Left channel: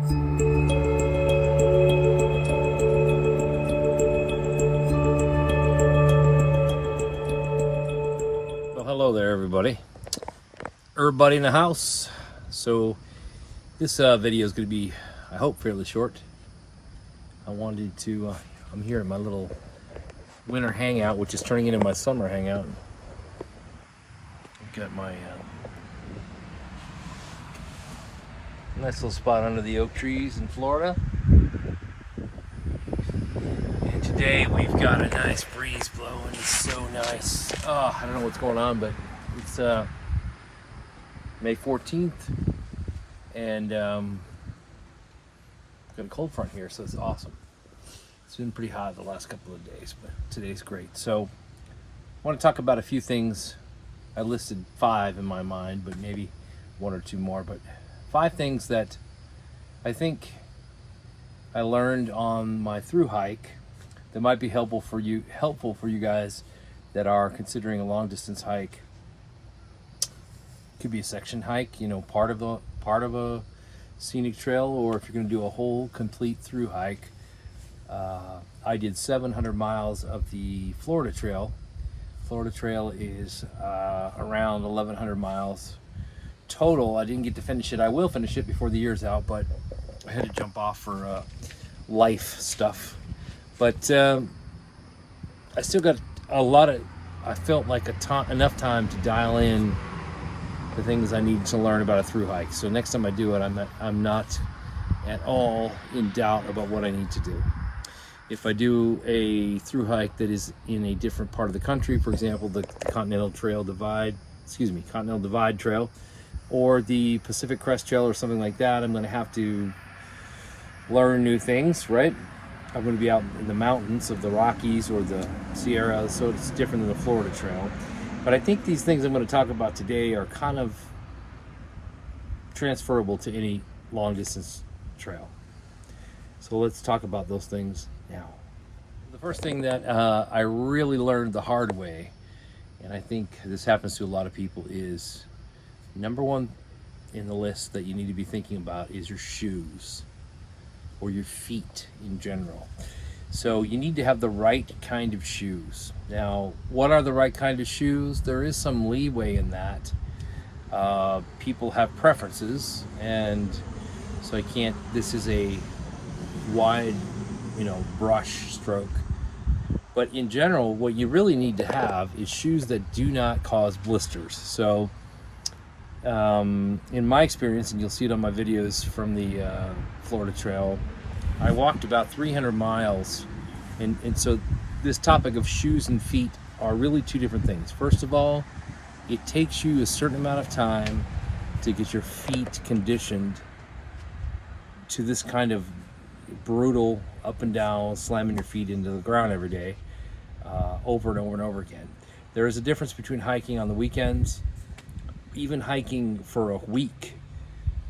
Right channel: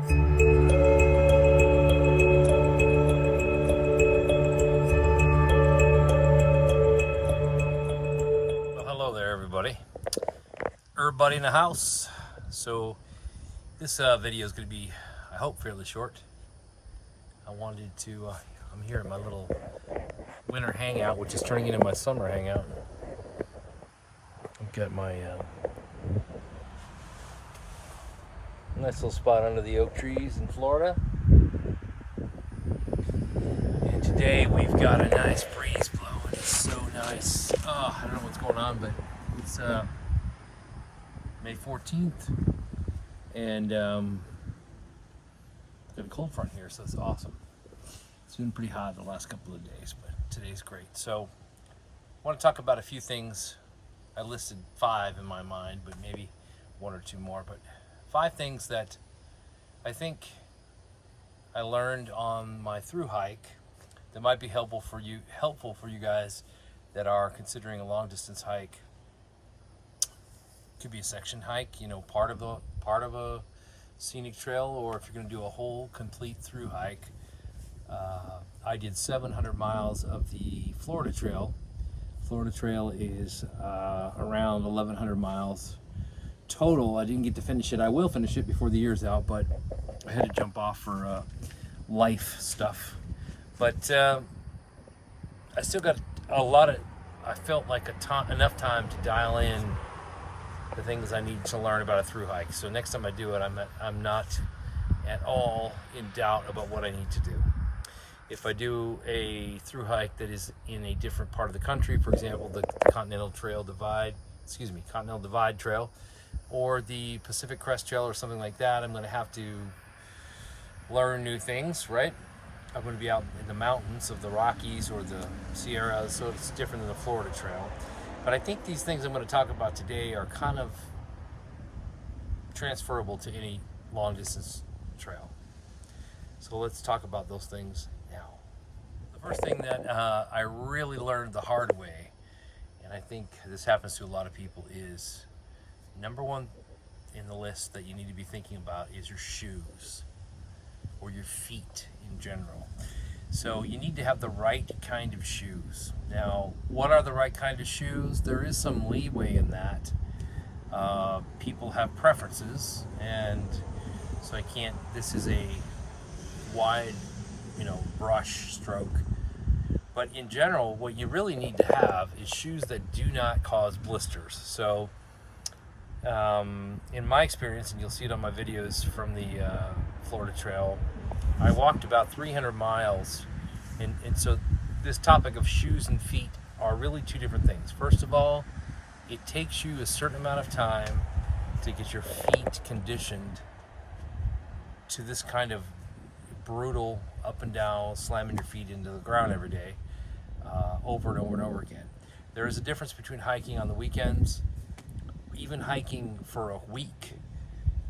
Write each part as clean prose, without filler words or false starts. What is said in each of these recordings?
Well, hello there, everybody. Everybody in the house. So this video is going to be, I hope, fairly short. I wanted to, I'm here at my little winter hangout, which is turning into my summer hangout. I've got my nice little spot under the oak trees in Florida. And today we've got a nice breeze blowing. It's so nice. Oh, I don't know what's going on, but it's May 14th, and got a cold front here, so it's awesome. It's been pretty hot the last couple of days, but today's great. So I want to talk about a few things. I listed 5 in my mind, but maybe 1 or 2 more, but 5 things that I think I learned on my through hike that might be helpful for you guys that are considering a long distance hike. Could be a section hike, you know, part of a scenic trail, or if you're going to do a whole complete through hike. I did 700 miles of the Florida Trail. Florida Trail is around 1,100 miles total. I didn't get to finish it. I will finish it before the year's out, but I had to jump off for life stuff. But I still got a lot of, I felt like enough time to dial in the things I need to learn about a through hike. So next time I do it, I'm not at all in doubt about what I need to do. If I do a through hike that is in a different part of the country, for example, the Continental Divide Trail, or the Pacific Crest Trail or something like that, I'm going to have to learn new things, right? I'm going to be out in the mountains of the Rockies or the Sierras, so it's different than the Florida Trail. But I think these things I'm going to talk about today are kind of transferable to any long distance trail. So let's talk about those things now. The first thing that I really learned the hard way, and I think this happens to a lot of people, is number 1 in the list that you need to be thinking about is your shoes, or your feet in general. So you need to have the right kind of shoes. Now, what are the right kind of shoes? There is some leeway in that. People have preferences, and so this is a wide, brush stroke. But in general, what you really need to have is shoes that do not cause blisters. So in my experience, and you'll see it on my videos from the Florida Trail, I walked about 300 miles, and so this topic of shoes and feet are really 2 different things. First of all, it takes you a certain amount of time to get your feet conditioned to this kind of brutal up and down, slamming your feet into the ground every day, over and over and over again. There is a difference between hiking on the weekends, even hiking for a week,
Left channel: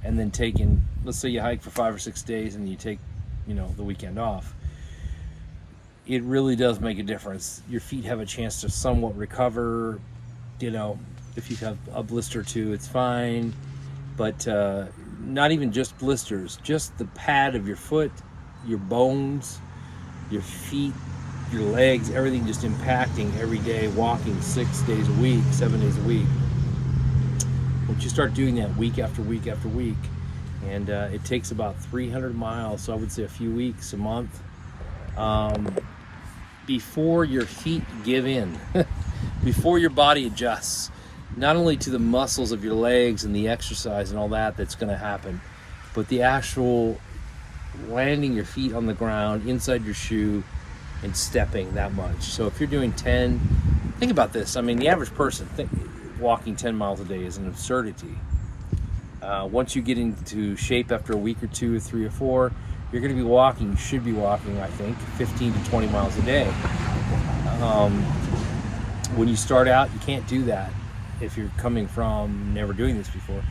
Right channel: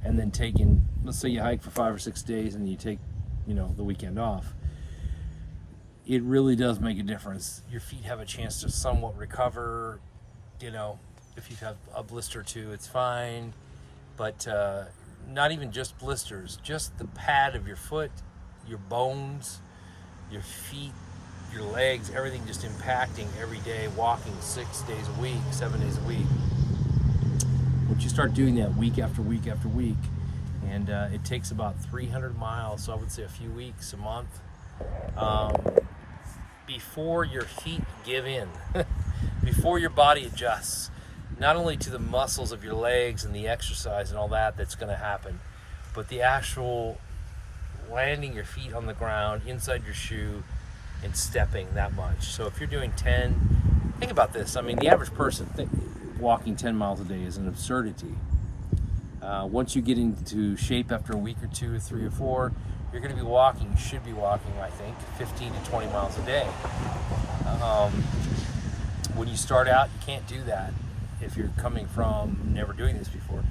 and then taking, let's say you hike for 5 or 6 days and you take the weekend off. It really does make a difference. Your feet have a chance to somewhat recover. If you have a blister or 2, it's fine, but not even just blisters, just the pad of your foot, your bones, your feet, your legs, everything just impacting every day, walking 6 days a week, 7 days a week. Once you start doing that week after week after week, and it takes about 300 miles, so I would say a few weeks, a month, before your feet give in, before your body adjusts, not only to the muscles of your legs and the exercise and all that's going to happen, but the actual landing your feet on the ground, inside your shoe, and stepping that much. So if you're doing 10, think about this. I mean, the average person walking 10 miles a day is an absurdity. Once you get into shape after a week or 2 or 3 or 4, you're going to be walking, you should be walking, I think, 15 to 20 miles a day. When you start out, you can't do that if you're coming from never doing this before,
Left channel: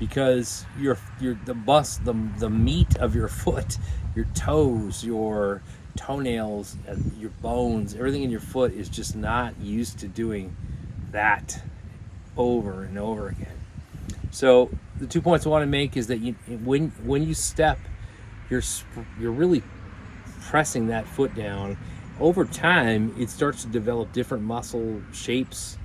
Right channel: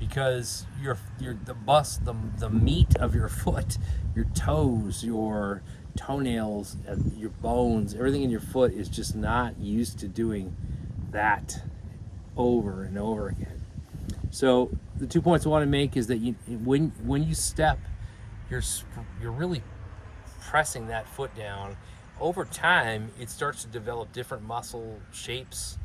because the meat of your foot, your toes, your toenails, and your bones, everything in your foot is just not used to doing that over and over again. So the 2 points I want to make is that when you step you're really pressing that foot down. Over time, it starts to develop different muscle shapes.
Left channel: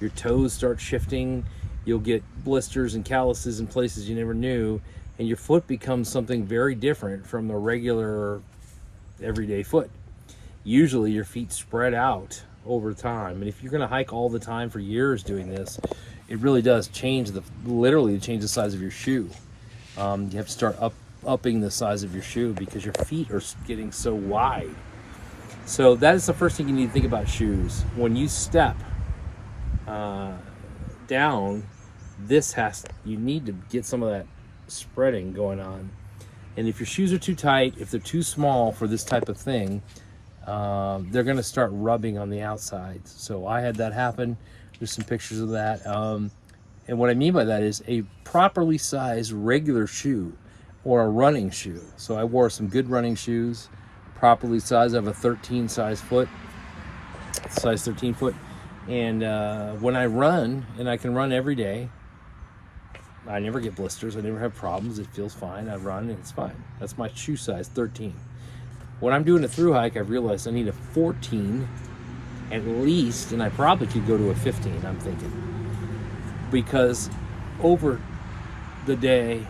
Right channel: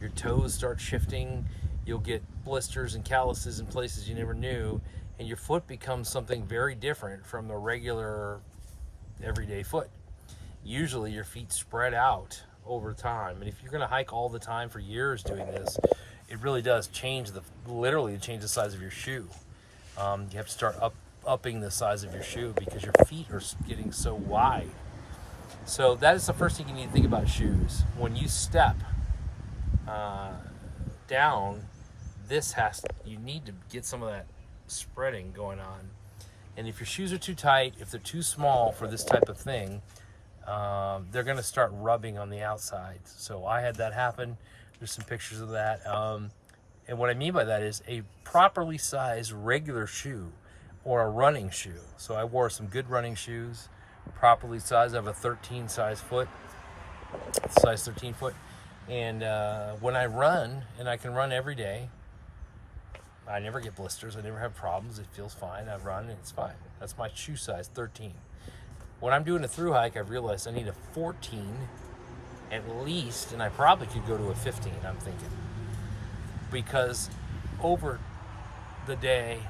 Your toes start shifting. You'll get blisters and calluses in places you never knew, and your foot becomes something very different from the regular everyday foot. Usually your feet spread out over time, and if you're going to hike all the time for years doing this, it really does change literally change the size of your shoe. You have to start upping the size of your shoe because your feet are getting so wide. So that is the first thing you need to think about shoes. When you step down, you need to get some of that spreading going on. And if your shoes are too tight, if they're too small for this type of thing, they're going to start rubbing on the outside. So I had that happen. There's some pictures of that. And what I mean by that is a properly sized regular shoe or a running shoe. So I wore some good running shoes, properly sized. I have a 13 size 13 foot. And when I run, and I can run every day, I never get blisters. I never have problems. It feels fine. I run and it's fine. That's my shoe size, 13. When I'm doing a through hike, I've realized I need a 14 at least, and I probably could go to a 15, I'm thinking. Because over the day,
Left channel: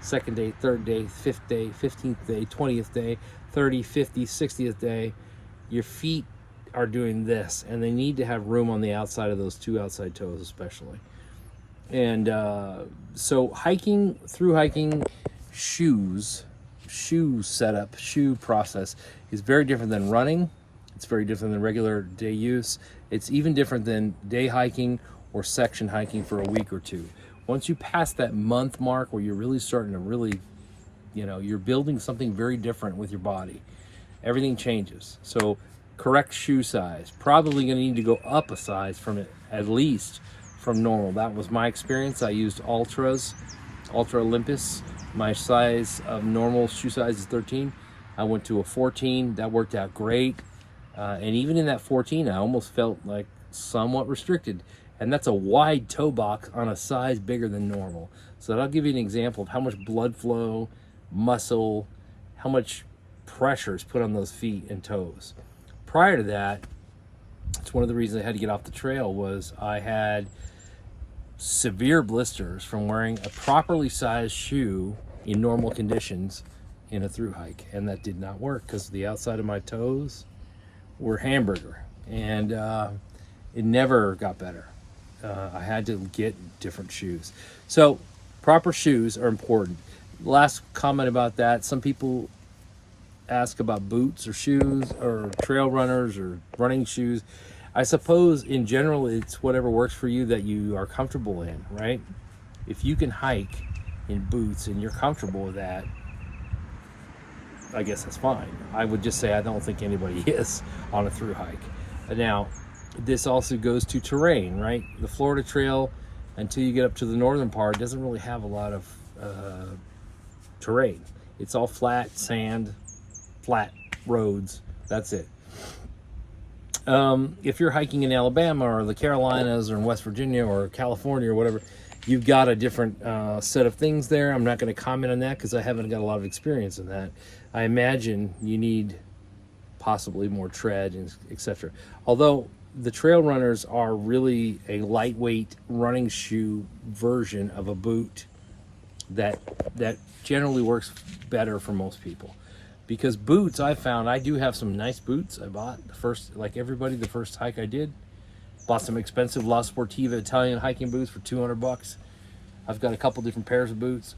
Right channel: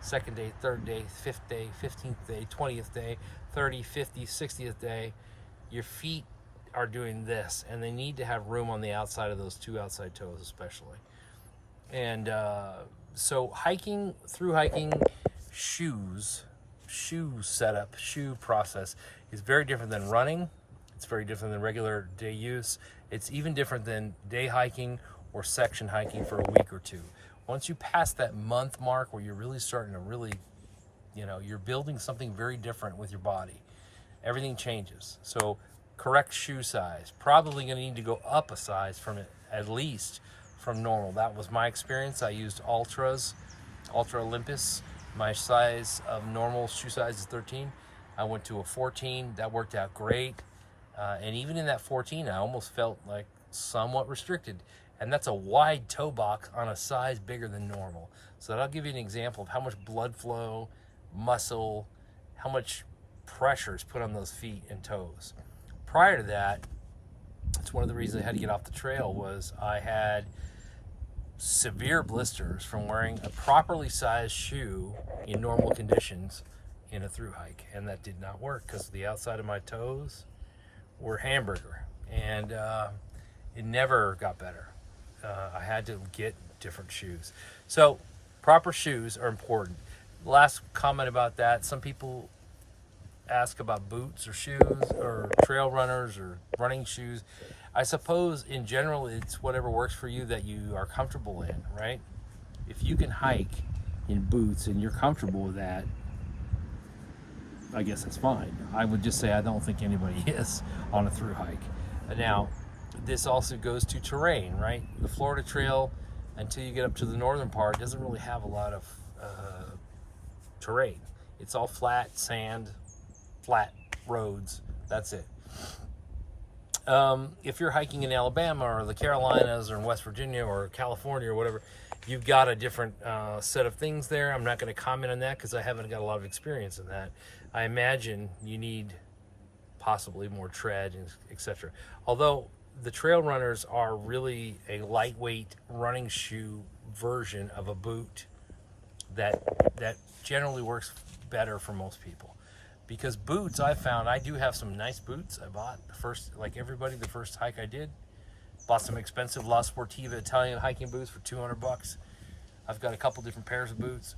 second day, third day, fifth day, 15th day, 20th day, 30, 50, 60th day, your feet are doing this, and they need to have room on the outside of those two outside toes especially. And so through hiking, shoe setup, shoe process is very different than running. It's very different than regular day use. It's even different than day hiking or section hiking for a week or two. Once you pass that month mark where you're really starting to you're building something very different with your body, everything changes. So correct shoe size, probably going to need to go up a size from it, at least from normal. That was my experience. I used Ultra Olympus. My size of normal shoe size is 13. I went to a 14. That worked out great. And even in that 14, I almost felt like somewhat restricted. And that's a wide toe box on a size bigger than normal. So that'll give you an example of how much blood flow, muscle, how much pressure is put on those feet and toes. Prior to that, it's one of the reasons I had to get off the trail was I had severe blisters from wearing a properly sized shoe in normal conditions in a through hike, and that did not work because the outside of my toes were hamburger, and it never got better. I had to get different shoes. So proper shoes are important. Last comment about that, some people ask about boots or shoes or trail runners or running shoes. I suppose in general it's whatever works for you that you are comfortable in, right? If you can hike in boots and you're comfortable with that, I guess that's fine. I would just say I don't think anybody is on a through hike. Now, this also goes to terrain, right? The Florida Trail, until you get up to the northern part, doesn't really have a lot of terrain. It's all flat sand, flat roads. That's it. If you're hiking in Alabama or the Carolinas or in West Virginia or California or whatever, you've got a different set of things there. I'm not going to comment on that because I haven't got a lot of experience in that. I imagine you need possibly more tread and etc. Although the trail runners are really a lightweight running shoe version of a boot that generally works better for most people. Because boots, I found, I do have some nice boots. I bought like everybody, the first hike I did. Bought some expensive La Sportiva Italian hiking boots for $200. I've got a couple different pairs of boots.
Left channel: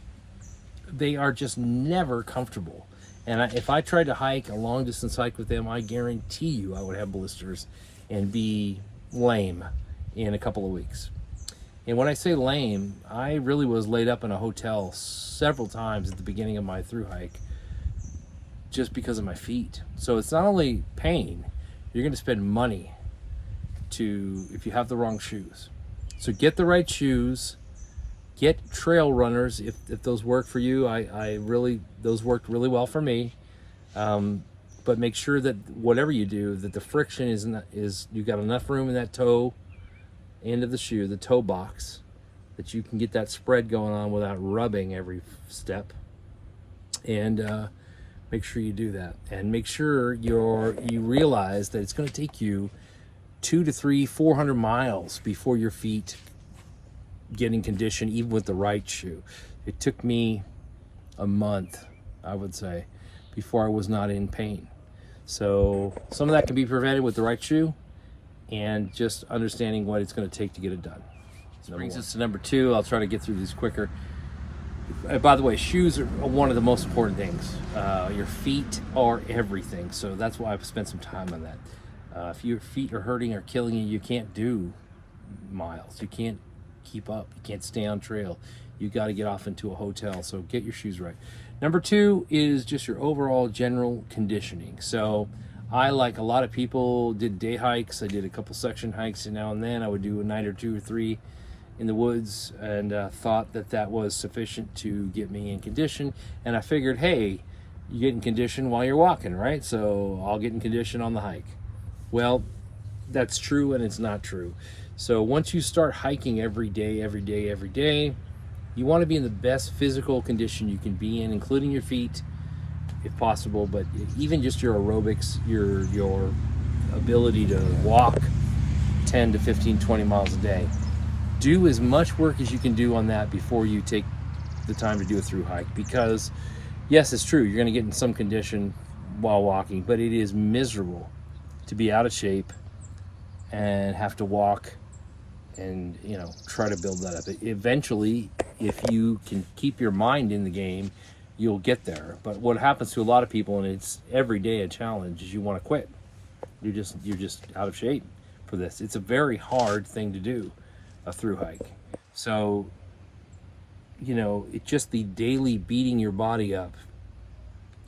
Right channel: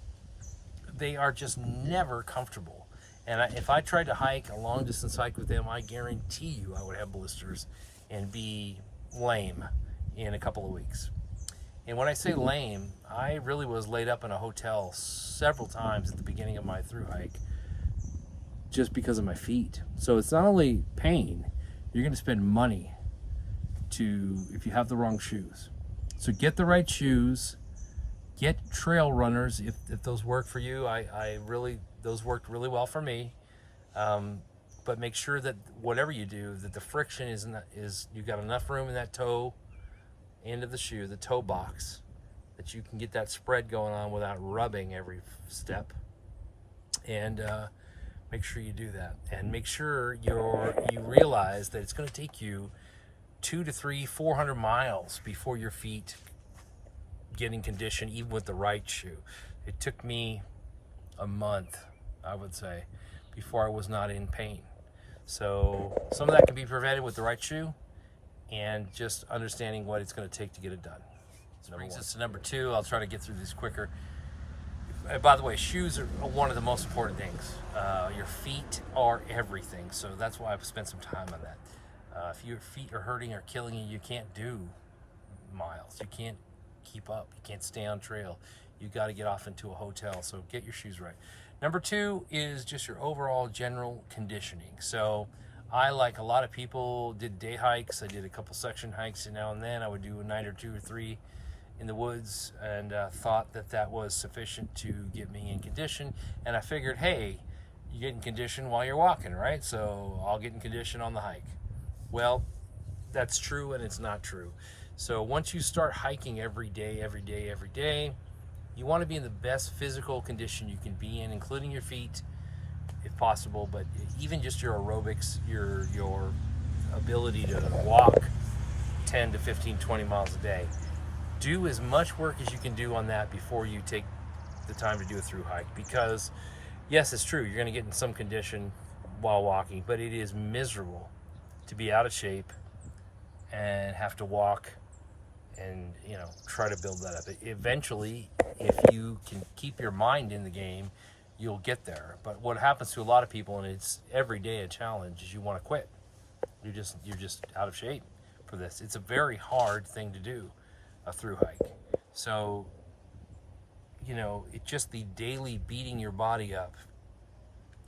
They are just never comfortable. And if I tried to hike a long distance hike with them, I guarantee you I would have blisters and be lame in a couple of weeks. And when I say lame, I really was laid up in a hotel several times at the beginning of my through hike, just because of my feet. So it's not only pain, you're going to spend money if you have the wrong shoes. So get the right shoes, get trail runners if those work for you. Those worked really well for me. But make sure that whatever you do, that the friction is you've got enough room in that toe end of the shoe, the toe box, that you can get that spread going on without rubbing every step. And make sure you do that, and make sure you realize that it's going to take you 200 to 400 miles before your feet get in condition, even with the right shoe. It took me a month, I would say, before I was not in pain. So some of that can be prevented with the right shoe and just understanding what it's going to take to get it done. This brings us to number 2. I'll try to get through these quicker. By the way, shoes are one of the most important things. Your feet are everything, so that's why I've spent some time on that. If your feet are hurting or killing you, you can't do miles. You can't keep up. You can't stay on trail. You got to get off into a hotel, so get your shoes right. Number 2 is just your overall general conditioning. So I, like a lot of people, did day hikes. I did a couple section hikes, and now and then I would do a night or 2 or 3 in the woods, and thought that was sufficient to get me in condition. And I figured, hey, you get in condition while you're walking, right? So I'll get in condition on the hike. Well, that's true, and it's not true. So once you start hiking every day, you want to be in the best physical condition you can be in, including your feet, if possible, but even just your aerobics, your ability to walk 10 to 15, 20 miles a day. Do as much work as you can do on that before you take the time to do a through hike, because yes, it's true, you're going to get in some condition while walking, but it is miserable to be out of shape and have to walk and try to build that up. Eventually, if you can keep your mind in the game, you'll get there. But what happens to a lot of people, and it's every day a challenge, is you want to quit. You're just out of shape for this. It's a very hard thing to do, a through hike. So it's just the daily beating your body up,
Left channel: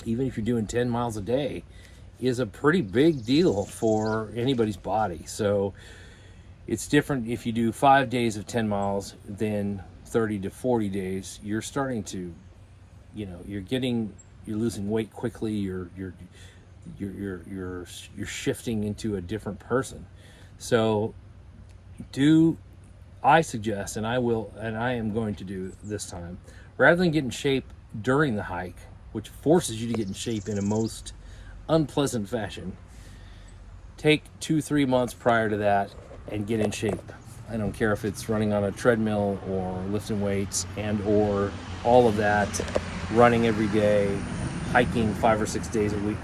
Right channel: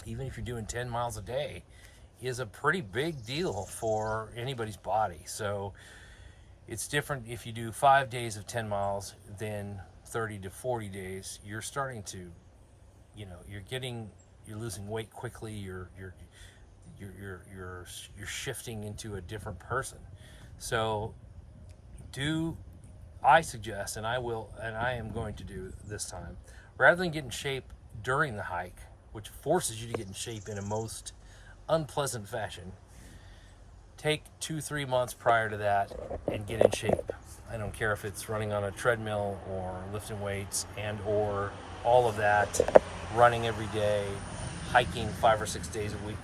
even if you're doing 10 miles a day, is a pretty big deal for anybody's body. So it's different if you do 5 days of 10 miles than 30 to 40 days. You're starting to, you're losing weight quickly. You're shifting into a different person. So I suggest, and I am going to do this time, rather than get in shape during the hike, which forces you to get in shape in a most unpleasant fashion, take 2-3 months prior to that and get in shape. I don't care if it's running on a treadmill or lifting weights and or all of that, running every day, hiking 5 or 6 days a week,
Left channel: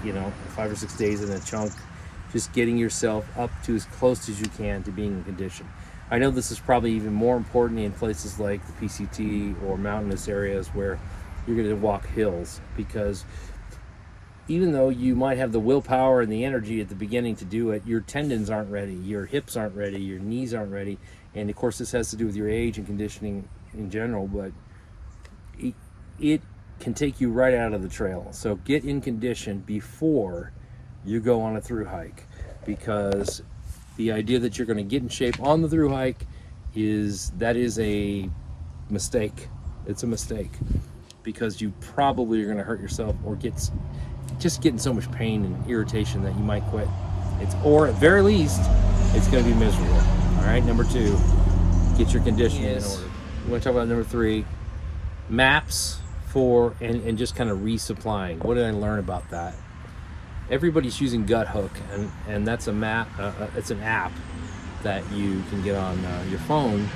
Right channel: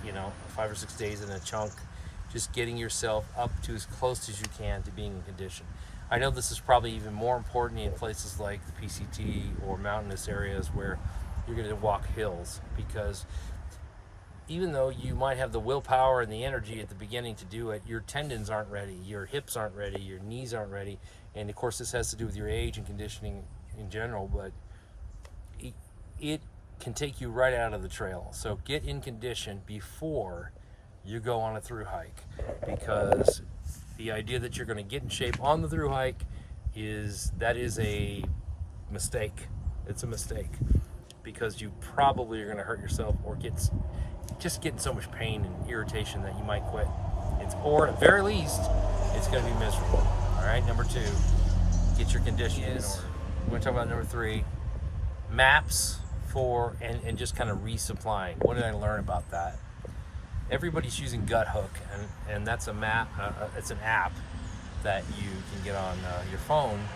5 or 6 days in a chunk, just getting yourself up to as close as you can to being in condition. I know this is probably even more important in places like the PCT or mountainous areas where you're going to walk hills, because even though you might have the willpower and the energy at the beginning to do it, your tendons aren't ready, your hips aren't ready, your knees aren't ready. And of course this has to do with your age and conditioning in general, but it can take you right out of the trail. So get in condition before you go on a through hike, because the idea that you're going to get in shape on the through hike is a mistake. It's a mistake, because you probably are going to hurt yourself or get in so much pain and irritation that you might quit. Or at very least, it's going to be miserable. All right, number 2, get your conditioning in order. We're going to talk about number 3, maps and just kind of resupplying. What did I learn about that? Everybody's using Gut Hook, and that's a map. It's an app that you can get on your phone.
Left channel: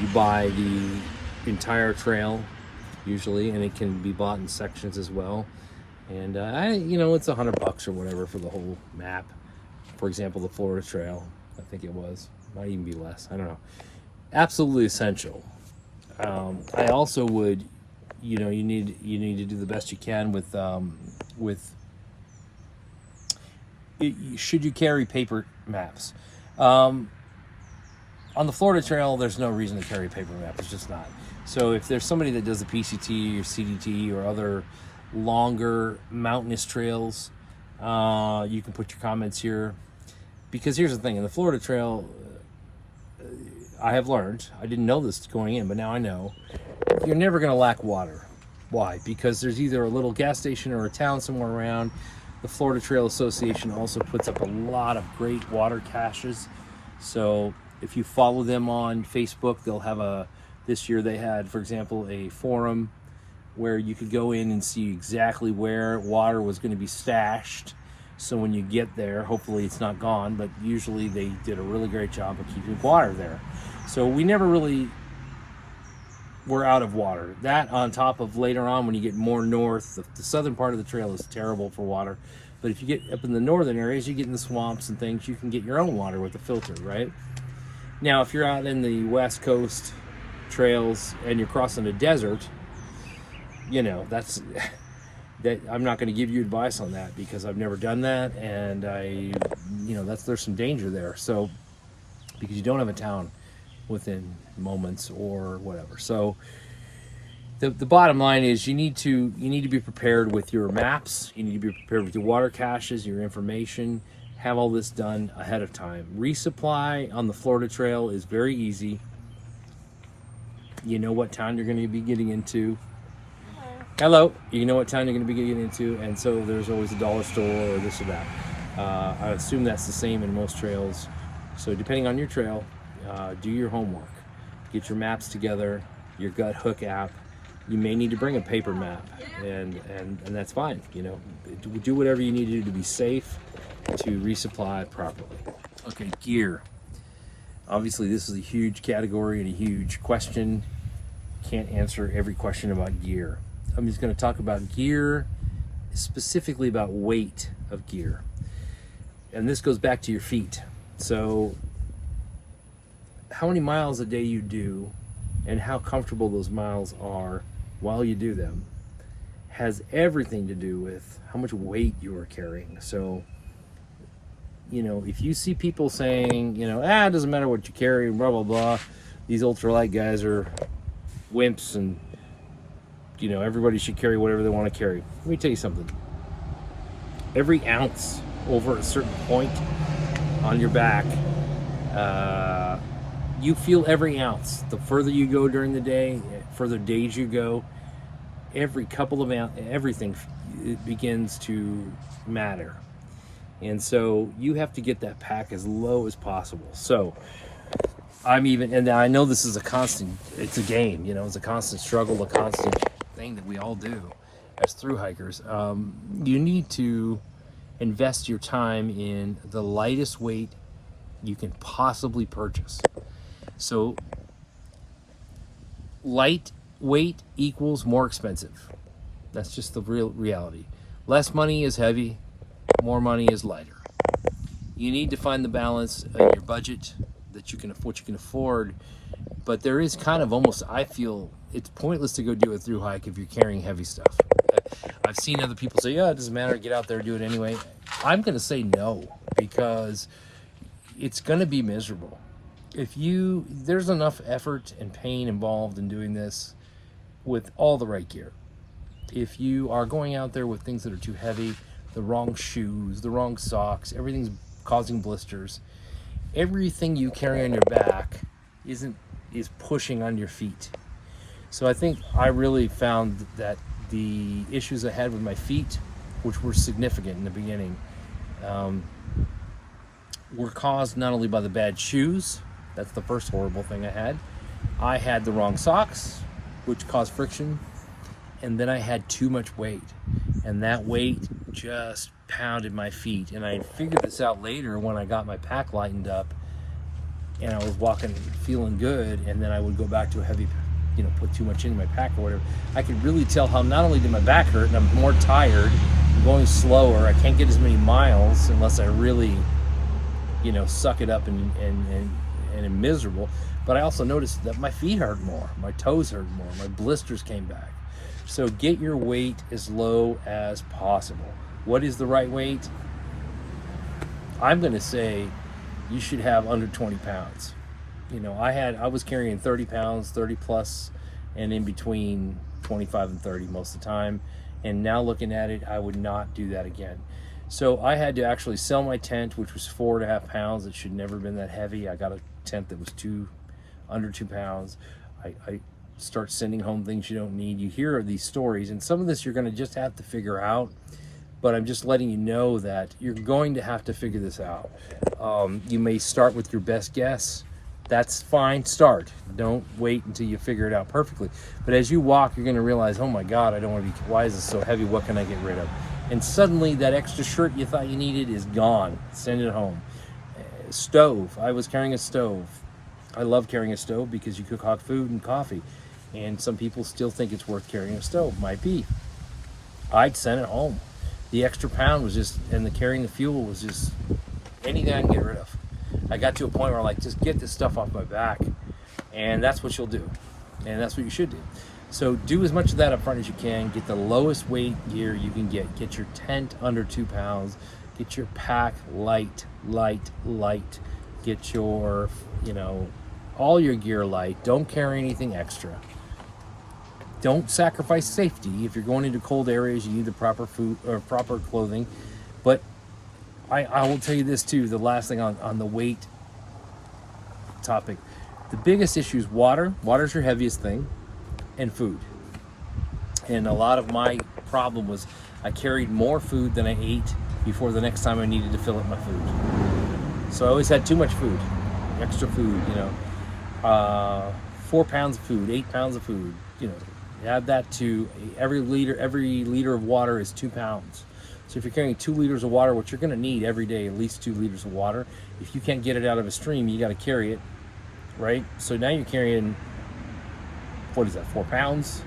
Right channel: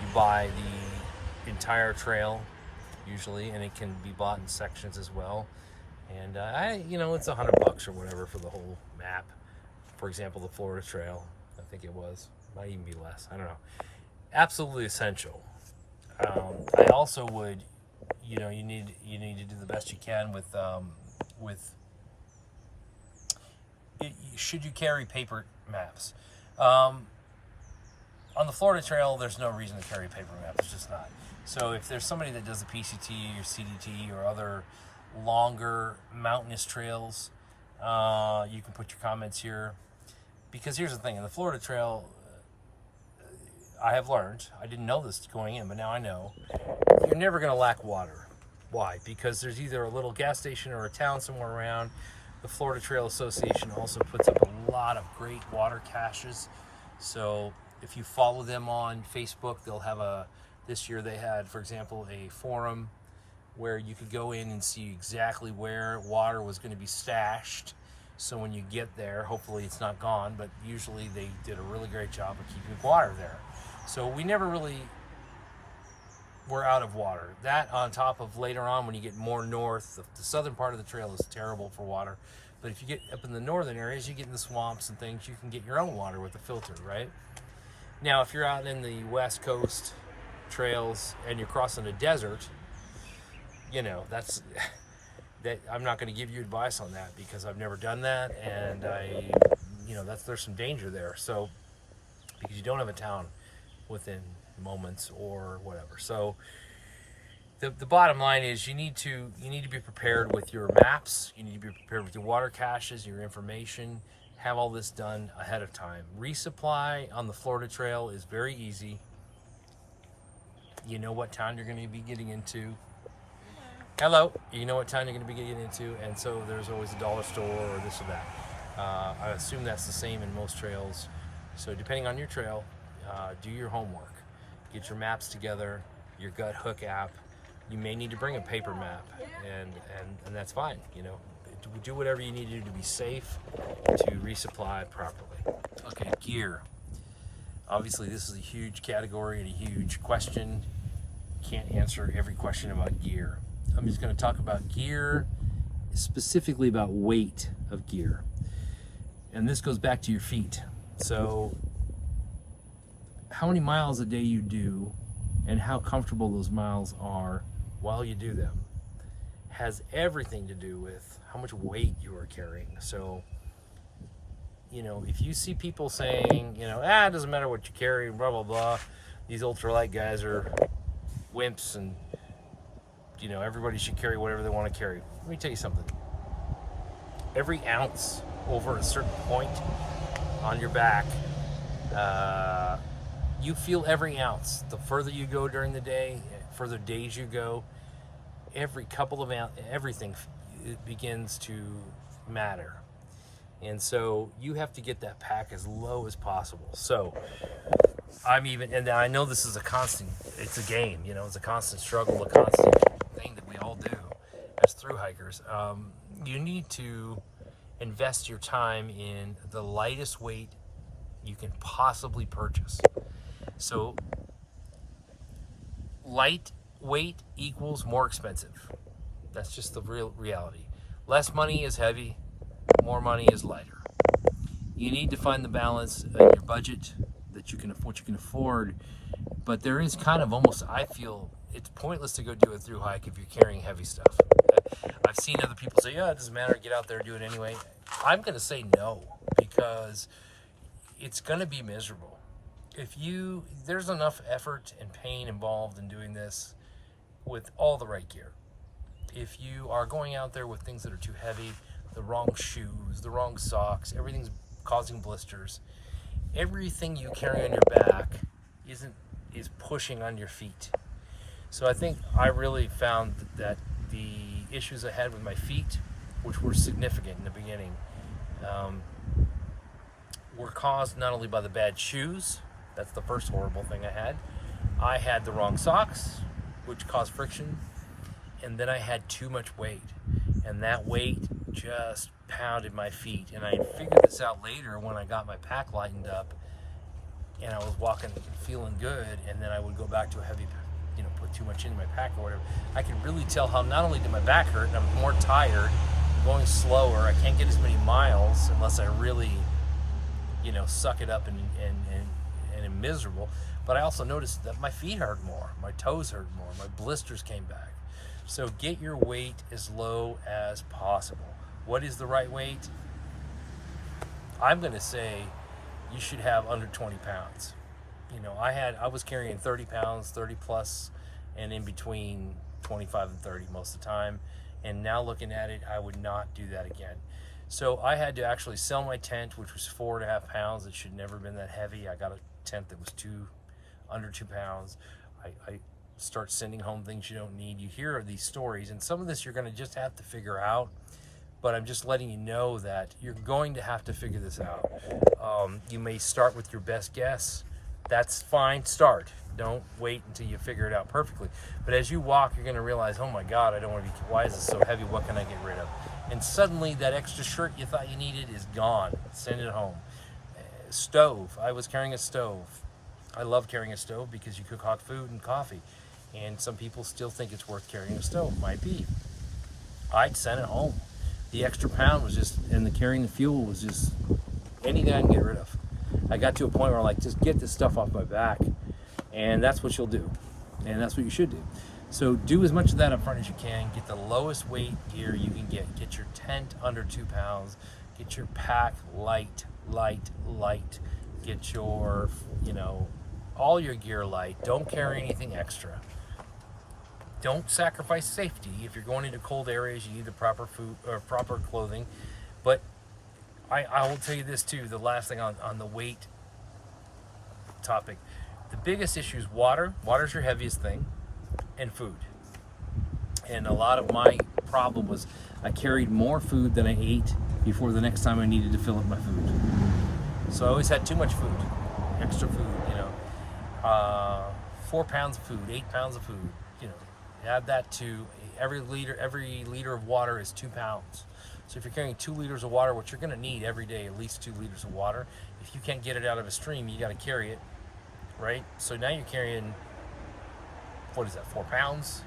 You buy the entire trail usually, and it can be bought in sections as well. And it's $100 or whatever for the whole map. For example, the Florida Trail, I think it was, might even be less. I don't know. Absolutely essential. I also would, you need to do the best you can with should you carry paper maps? On the Florida Trail, there's no reason to carry paper maps. It's just not. So if there's somebody that does the PCT or CDT or other longer mountainous trails, you can put your comments here. Because here's the thing, in the Florida Trail, I have learned, I didn't know this going in, but now I know, you're never going to lack water. Why? Because there's either a little gas station or a town somewhere around. The Florida Trail Association also puts up a lot of great water caches. So if you follow them on Facebook, they'll have this year they had, for example, a forum where you could go in and see exactly where water was going to be stashed. So when you get there, hopefully it's not gone, but usually they did a really great job of keeping water there. So we never really were out of water. That on top of later on when you get more north, the southern part of the trail is terrible for water. But if you get up in the northern areas, you get in the swamps and things, you can get your own water with a filter, right? Now, if you're out in the West Coast trails and you're crossing a desert, you know, that I'm not going to give you advice on that because I've never done that, and there's some danger there. So because you don't have a town within moments or whatever. So the bottom line is you need to be prepared with your maps. You need to be prepared with your water caches, your information. Have all this done ahead of time. Resupply on the Florida Trail is very easy. You know what town you're going to be getting into. Hello. You know what town you're going to be getting into, and so there's always a dollar store or this or that. I assume that's the same in most trails. So depending on your trail, do your homework. Get your maps together, your Gut Hook app. You may need to bring a paper map, and that's fine. You know, do whatever you need to do to be safe, to resupply properly. Okay, gear. Obviously, this is a huge category and a huge question. Can't answer every question about gear. I'm just going to talk about gear, specifically about weight of gear. And this goes back to your feet. So how many miles a day you do and how comfortable those miles are while you do them has everything to do with how much weight you are carrying. So, you know, if you see people saying, you know, it doesn't matter what you carry, blah, blah, blah, these ultralight guys are wimps and, you know, everybody should carry whatever they want to carry. Let me tell you something. Every ounce over a certain point on your back, you feel every ounce. The further you go during the day, further days you go, every couple of everything it begins to matter. And so you have to get that pack as low as possible. So and I know this is it's a game, you know, it's a constant struggle, a constant thing that we all do as thru hikers. You need to invest your time in the lightest weight you can possibly purchase. So light weight equals more expensive. That's just the real reality. Less money is heavy, more money is lighter. You need to find the balance in your budget that what you can afford, but there is kind of almost, I feel it's pointless to go do a thru hike if you're carrying heavy stuff. I've seen other people say, yeah, it doesn't matter, get out there, do it anyway. I'm going to say no, because it's going to be miserable. There's enough effort and pain involved in doing this with all the right gear. If you are going out there with things that are too heavy, the wrong shoes, the wrong socks, everything's causing blisters. Everything you carry on your back is pushing on your feet. So I think I really found that the issues I had with my feet, which were significant in the beginning, were caused not only by the bad shoes. That's the first horrible thing I had. I had the wrong socks, which caused friction. And then I had too much weight. And that weight just pounded my feet. And I figured this out later when I got my pack lightened up and I was walking feeling good, and then I would go back to a heavy, put too much in my pack or whatever. I could really tell how not only did my back hurt and I'm more tired, I'm going slower, I can't get as many miles unless I really, suck it up and am miserable. But I also noticed that my feet hurt more, my toes hurt more, my blisters came back. So get your weight as low as possible. What is the right weight? I'm going to say you should have under 20 pounds. I was carrying 30 pounds, 30 plus, and in between 25 and 30 most of the time. And now looking at it, I would not do that again. So I had to actually sell my tent, which was 4.5 pounds. It should never have been that heavy. I got a tent that was under 2 pounds. I start sending home things you don't need. You hear these stories, and some of this you're going to just have to figure out. But I'm just letting you know that you're going to have to figure this out. You may start with your best guess, That's fine, start. Don't wait until you figure it out perfectly. But as you walk, you're gonna realize, oh my God, I don't wanna be, why is this so heavy? What can I get rid of? And suddenly that extra shirt you thought you needed is gone. Send it home. Stove, I was carrying a stove. I love carrying a stove because you cook hot food and coffee. And some people still think it's worth carrying a stove, might be. I'd send it home. The extra pound was just, and the carrying the fuel was just anything I can get rid of. I got to a point where I'm like, just get this stuff off my back. And that's what you'll do. And that's what you should do. So do as much of that up front as you can. Get the lowest weight gear you can get. Get your tent under 2 pounds. Get your pack light. Get your, all your gear light. Don't carry anything extra. Don't sacrifice safety. If you're going into cold areas, you need the proper food or proper clothing. But I will tell you this too, the last thing on the weight topic. The biggest issue is water. Water's your heaviest thing, and food. And a lot of my problem was I carried more food than I ate before the next time I needed to fill up my food. So I always had too much food, extra food, 4 pounds of food, 8 pounds of food, add that to every liter of water is 2 pounds. So if you're carrying 2 liters of water, which you're gonna need every day, at least 2 liters of water, if you can't get it out of a stream, you gotta carry it, right? So now you're carrying, what is that, 4 pounds?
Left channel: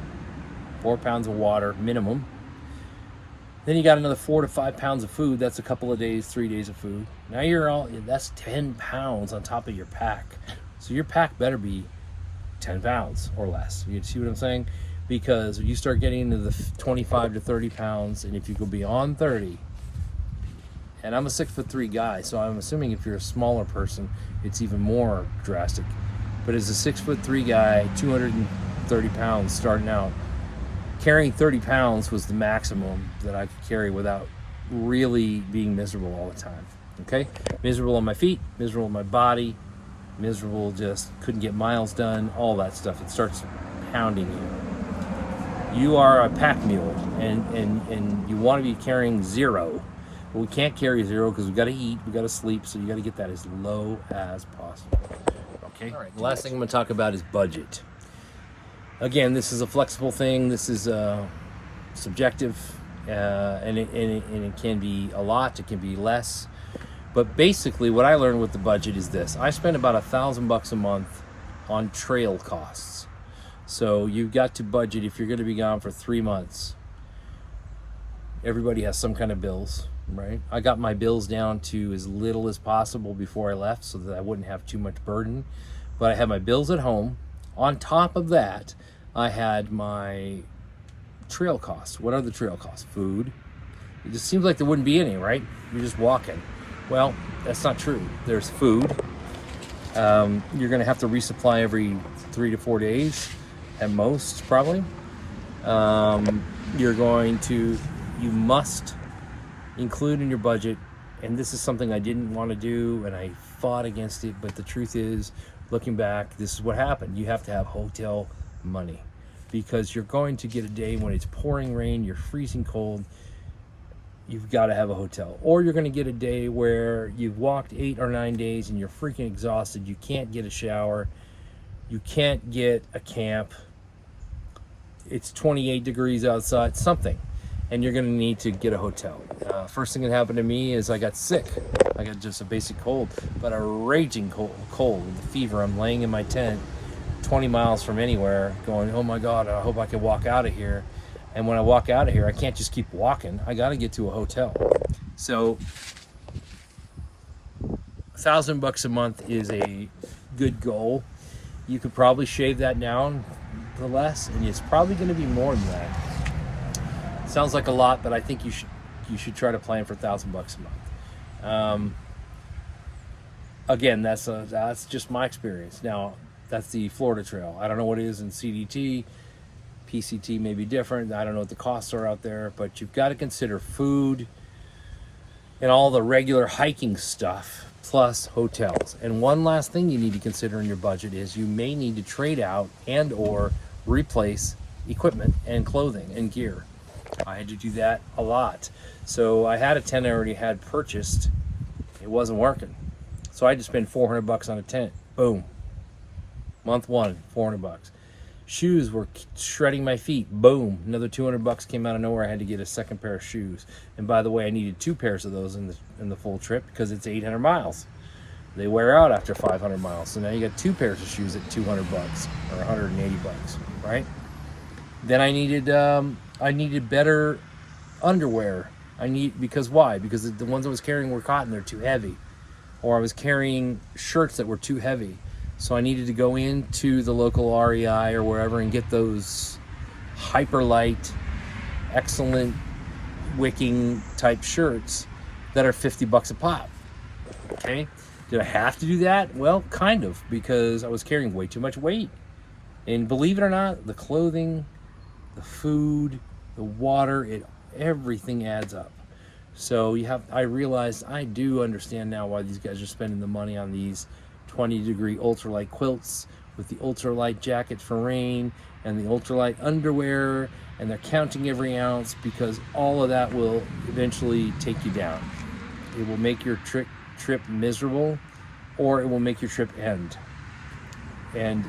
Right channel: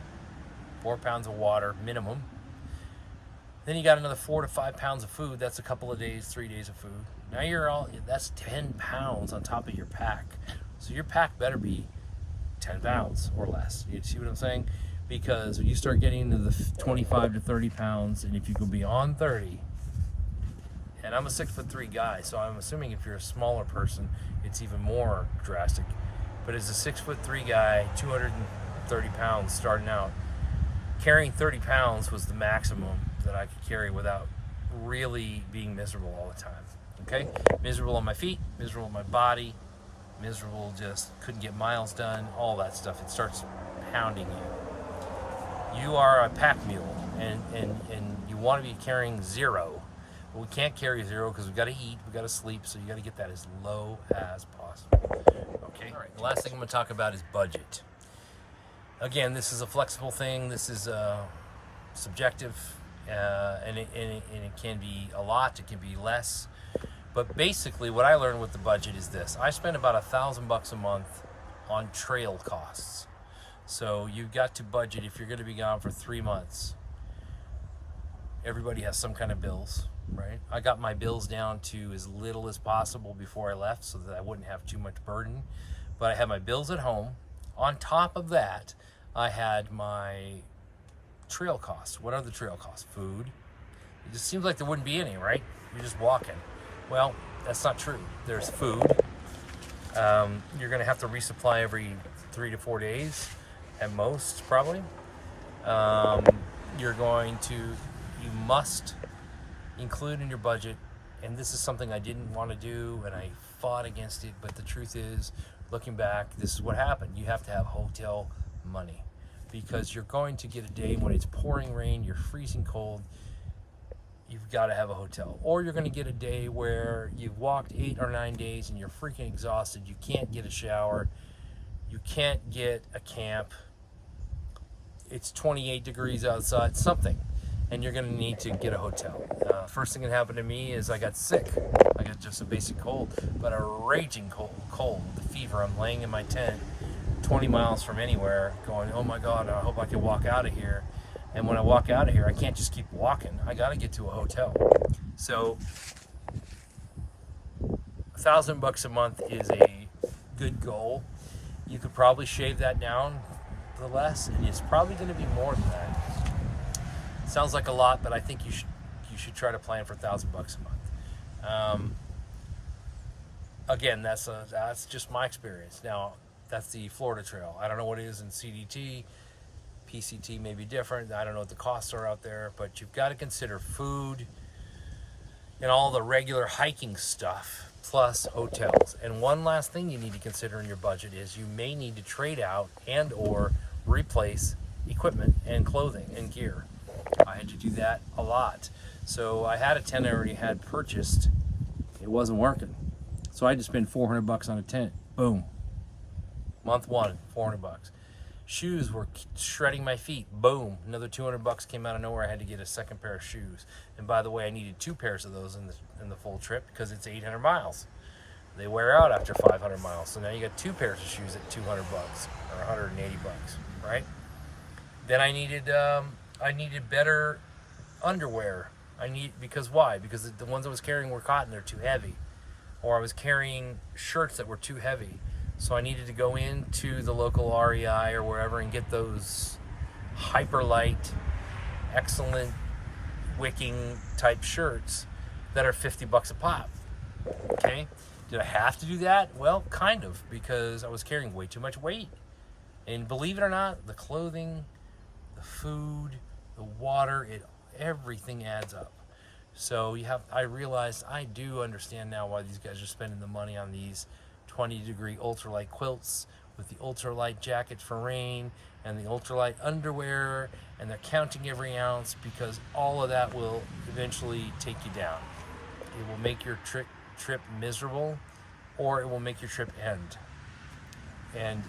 4 pounds of water minimum. Then you got another 4 to 5 pounds of food. That's a couple of days, 3 days of food. Now that's 10 pounds on top of your pack. So your pack better be 10 pounds or less. You see what I'm saying? Because if you start getting into the 25 to 30 pounds, and if you go beyond 30, and I'm a 6'3" guy, so I'm assuming if you're a smaller person, it's even more drastic. But as a 6'3" guy, 230 pounds starting out, carrying 30 pounds was the maximum that I could carry without really being miserable all the time, okay? Miserable on my feet, miserable on my body, miserable, just couldn't get miles done, all that stuff. It starts pounding you. You are a pack mule, and you want to be carrying 0. But we can't carry 0 because we got to eat, we got to sleep, so you got to get that as low as possible, okay? All right, the last thing I'm going to talk about is budget. Again, this is a flexible thing. This is subjective, and it can be a lot. It can be less. But basically, what I learned with the budget is this: I spend about $1,000 a month on trail costs. So you've got to budget if you're going to be gone for 3 months. Everybody has some kind of bills, right? I got my bills down to as little as possible before I left, so that I wouldn't have too much burden. But I had my bills at home. On top of that, I had my trail costs. What are the trail costs? Food. It just seems like there wouldn't be any, right? You're just walking. Well, that's not true. There's food. You're going to have to resupply every 3 to 4 days at most, probably. You must include in your budget, and this is something I didn't want to do, and I fought against it, but the truth is, looking back, this is what happened. You have to have hotel money, because you're going to get a day when it's pouring rain, you're freezing cold, you've got to have a hotel. Or you're going to get a day where you've walked 8 or 9 days and you're freaking exhausted, you can't get a shower, you can't get a camp, it's 28 degrees outside, something, and you're going to need to get a hotel. First thing that happened to me is I got sick. I got just a basic cold, but a raging cold, the fever. I'm laying in my tent 20 miles from anywhere going, oh my God, I hope I can walk out of here. And when I walk out of here, I can't just keep walking. I got to get to a hotel. So $1,000 a month is a good goal. You could probably shave that down for less, and it's probably going to be more than that. Sounds like a lot, but I think you should try to plan for $1,000 a month. Again, that's just my experience. Now, that's the Florida Trail. I don't know what it is in CDT. PCT may be different. I don't know what the costs are out there, but you've got to consider food and all the regular hiking stuff, plus hotels. And one last thing you need to consider in your budget is you may need to trade out and or replace equipment and clothing and gear. I had to do that a lot. So I had a tent I already had purchased. It wasn't working. So I had to spend $400 on a tent. Boom. Month one, $400. Shoes were shredding my feet. Boom, another $200 came out of nowhere. I had to get a second pair of shoes. And by the way, I needed 2 pairs of those in the full trip because it's 800 miles. They wear out after 500 miles. So now you got 2 pairs of shoes at $200 or $180, right? Then I needed better underwear. Because why? Because the ones I was carrying were cotton, they're too heavy. Or I was carrying shirts that were too heavy. So I needed to go into the local REI or wherever and get those hyper light, excellent wicking type shirts that are $50 a pop. Okay? Did I have to do that? Well, kind of, because I was carrying way too much weight. And believe it or not, the clothing, the food, the water, everything adds up. So I realized I do understand now why these guys are spending the money on these 20-degree ultralight quilts with the ultralight jackets for rain and the ultralight underwear, and they're counting every ounce because all of that will eventually take you down. It will make your trip miserable, or it will make your trip end and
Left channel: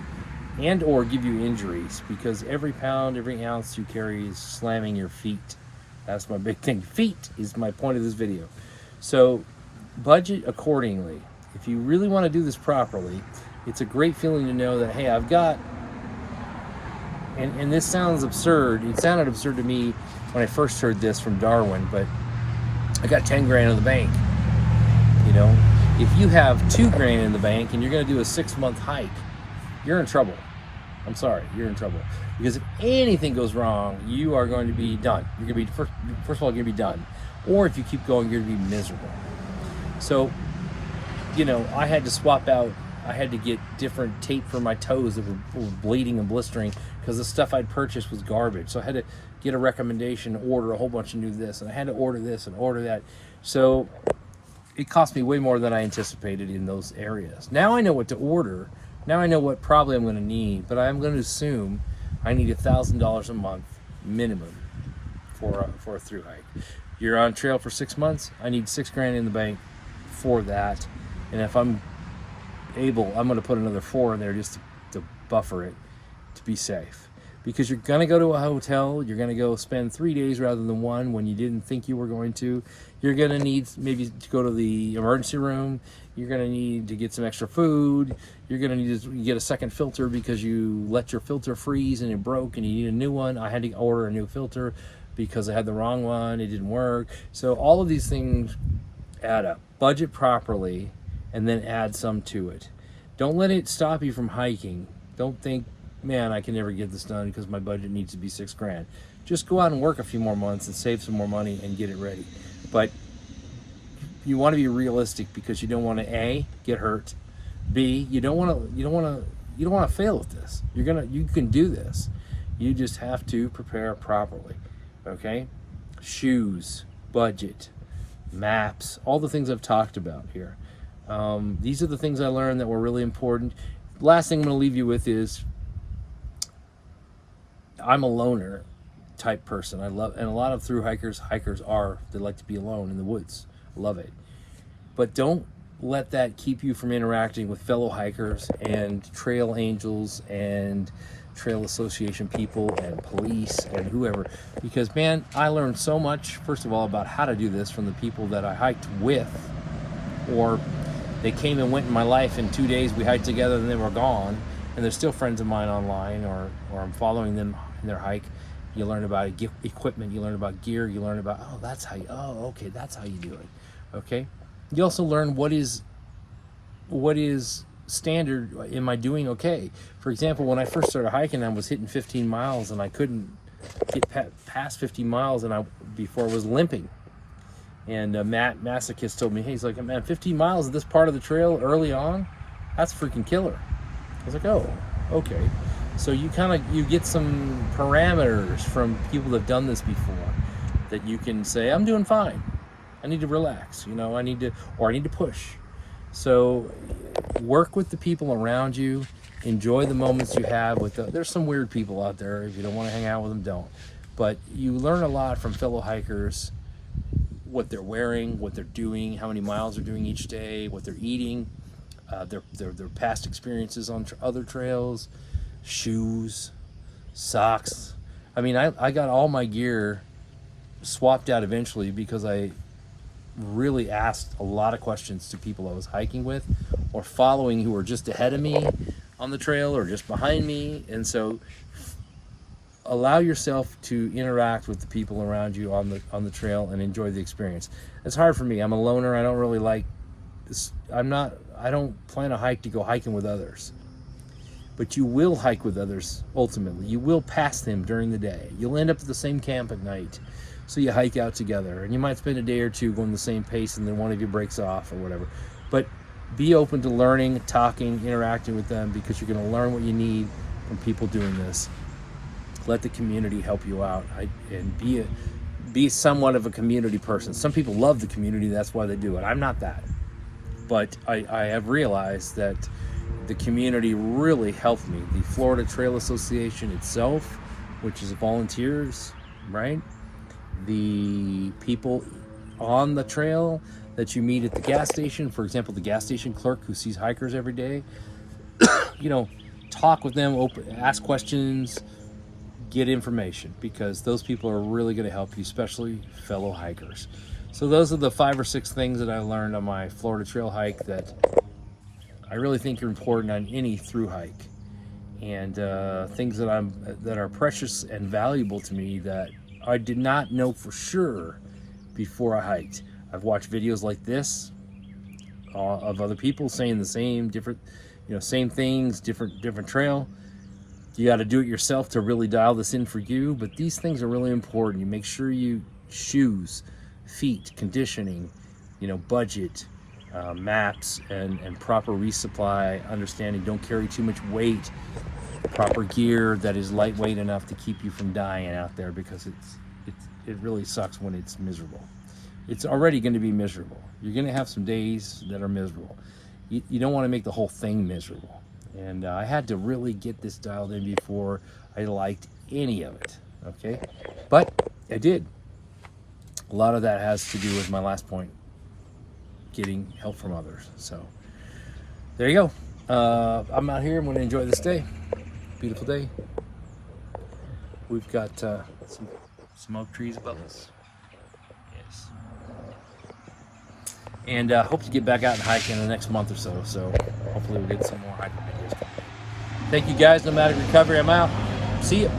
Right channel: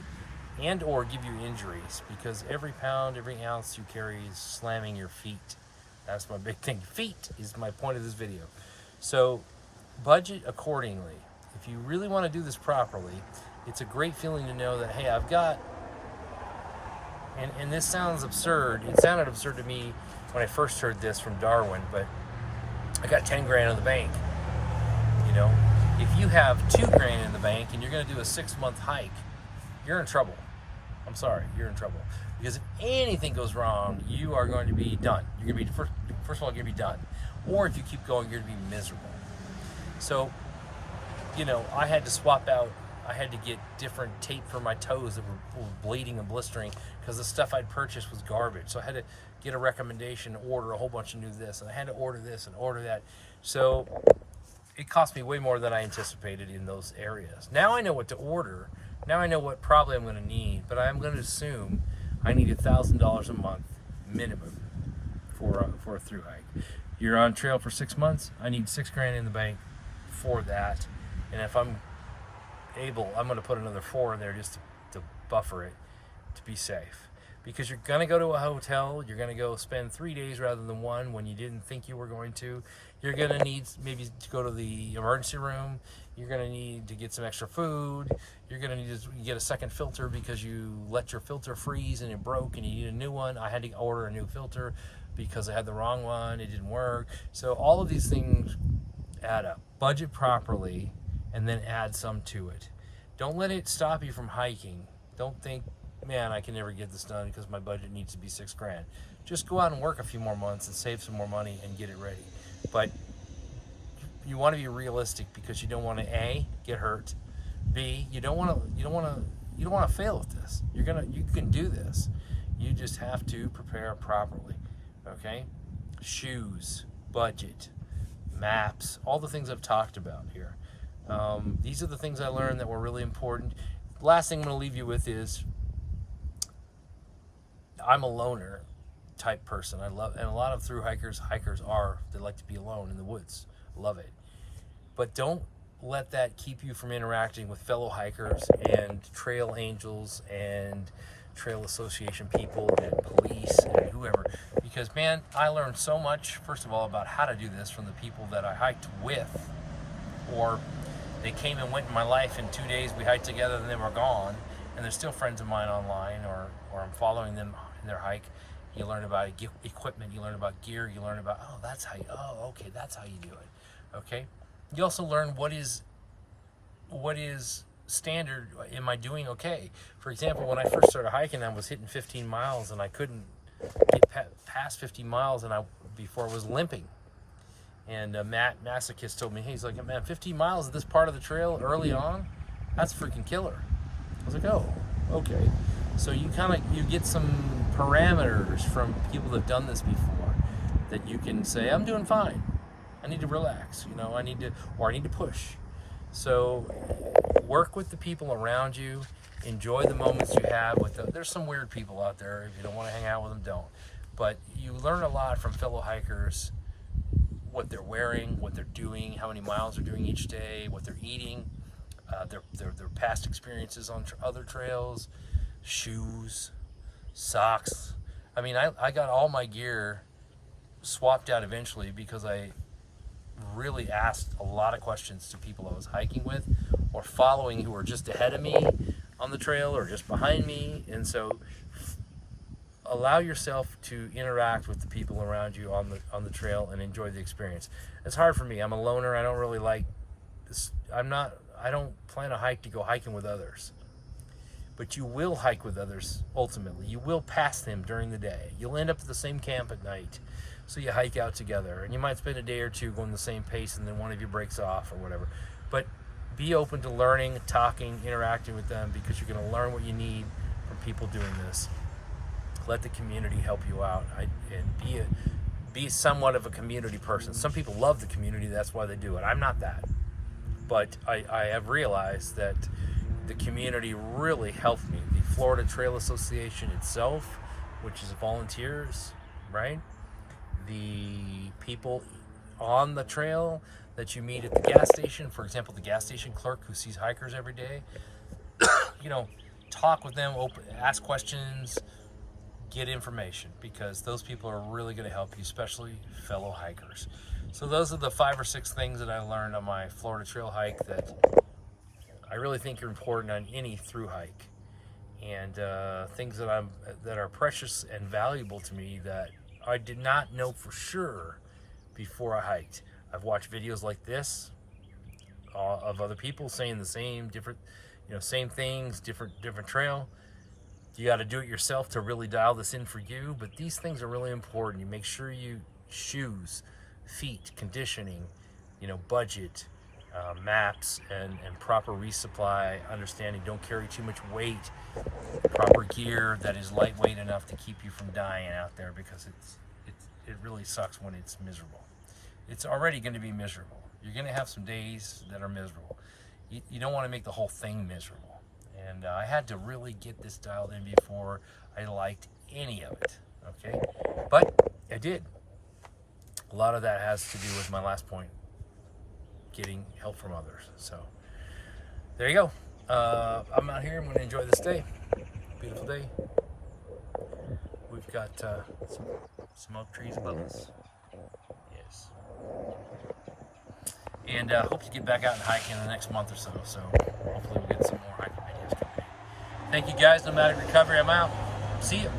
or give you injuries, because every pound, every ounce you carry is slamming your feet. That's my big thing. Feet is my point of this video. So budget accordingly. If you really want to do this properly, it's a great feeling to know that, hey, I've got, and this sounds absurd. It sounded absurd to me when I first heard this from Darwin, but I got 10 grand in the bank. You know, if you have 2 grand in the bank and you're going to do a 6-month hike, you're in trouble. I'm sorry, you're in trouble. Because if anything goes wrong, you are going to be done. You're going to be, first of all, you're going to be done. Or if you keep going, you're going to be miserable. So, you know, I had to swap out, I had to get different tape for my toes that were bleeding and blistering because the stuff I'd purchased was garbage. So I had to get a recommendation, order a whole bunch of new this, and I had to order this and order that. So it cost me way more than I anticipated in those areas. Now I know what to order. Now I know what probably I'm going to need, but I'm going to assume I need $1,000 a month minimum for a through hike. You're on trail for 6 months. I need 6 grand in the bank for that. And if I'm able, I'm going to put another 4 in there just to buffer it, to be safe. Because you're going to go to a hotel, you're going to go spend 3 days rather than 1 when you didn't think you were going to. You're going to need maybe to go to the emergency room. You're going to need to get some extra food. You're going to need to get a second filter because you let your filter freeze and it broke and you need a new one. I had to order a new filter because I had the wrong one. It didn't work. So all of these things add up. Budget properly and then add some to it. Don't let it stop you from hiking. Don't think, man, I can never get this done because my budget needs to be 6 grand. Just go out and work a few more months and save some more money and get it ready. But you want to be realistic because you don't want to A, get hurt. B, you don't want to fail at this. You can do this. You just have to prepare properly. Okay? Shoes, budget, maps, all the things I've talked about here. These are the things I learned that were really important. Last thing I'm going to leave you with is I'm a loner type person. And a lot of through hikers they like to be alone in the woods. Love it. But don't let that keep you from interacting with fellow hikers and trail angels and trail association people and police and whoever, because man, I learned so much, first of all, about how to do this from the people that I hiked with, or they came and went in my life in 2 days, we hiked together and they were gone, and they're still friends of mine online, or I'm following them in their hike. You learn about equipment, you learn about gear, you learn about, that's how you do it. Okay? You also learn what is standard. Am I doing okay? For example, when I first started hiking, I was hitting 15 miles and I couldn't get past 15 miles before I was limping. And Matt Masochist told me, he's like, man, 15 miles of this part of the trail early on, that's freaking killer. I was like, oh, okay. So you get some parameters from people that have done this before that you can say, I'm doing fine. I need to relax, I need to push. So work with the people around you, enjoy the moments you have with them. There's some weird people out there. If you don't want to hang out with them, don't. But you learn a lot from fellow hikers, what they're wearing, what they're doing, how many miles they're doing each day, what they're eating. their past experiences on other trails, shoes, socks. I mean, I got all my gear swapped out eventually because I really asked a lot of questions to people I was hiking with or following who were just ahead of me on the trail or just behind me. And so allow yourself to interact with the people around you on the trail and enjoy the experience. It's hard for me. I'm a loner. I don't really like this. I don't plan a hike to go hiking with others. But you will hike with others ultimately. You will pass them during the day. You'll end up at the same camp at night. So you hike out together, and you might spend a day or two going the same pace, and then one of you breaks off or whatever. But be open to learning, talking, interacting with them, because you're going to learn what you need from people doing this. Let the community help you out, and be somewhat of a community person. Some people love the community, that's why they do it. I'm not that. But I have realized that the community really helped me. The Florida Trail Association itself, which is volunteers, right? The people on the trail that you meet at the gas station, for example, the gas station clerk who sees hikers every day, talk with them, ask questions, get information, because those people are really going to help you, especially fellow hikers. So those are the 5 or 6 things that I learned on my Florida Trail hike that I really think are important on any through hike, and things that are precious and valuable to me that I did not know for sure before I hiked. I've watched videos like this of other people saying the same same things, different trail. You got to do it yourself to really dial this in for you, but these things are really important. You make sure shoes, feet, conditioning, budget, maps, and proper resupply, understanding, don't carry too much weight, proper gear that is lightweight enough to keep you from dying out there, because it really sucks when it's miserable. It's already going to be miserable. You're going to have some days that are miserable. You don't want to make the whole thing miserable. And I had to really get this dialed in before I liked any of it, okay? But I did. A lot of that has to do with my last point, getting help from others. So there you go. I'm out here. I'm going to enjoy this day. Beautiful day. We've got some oak trees above us. Yes. And hope to get back out and hike in the next month or so. So hopefully we'll get some more hiking videos coming in. Thank you guys. Nomadic Recovery. I'm out. See ya.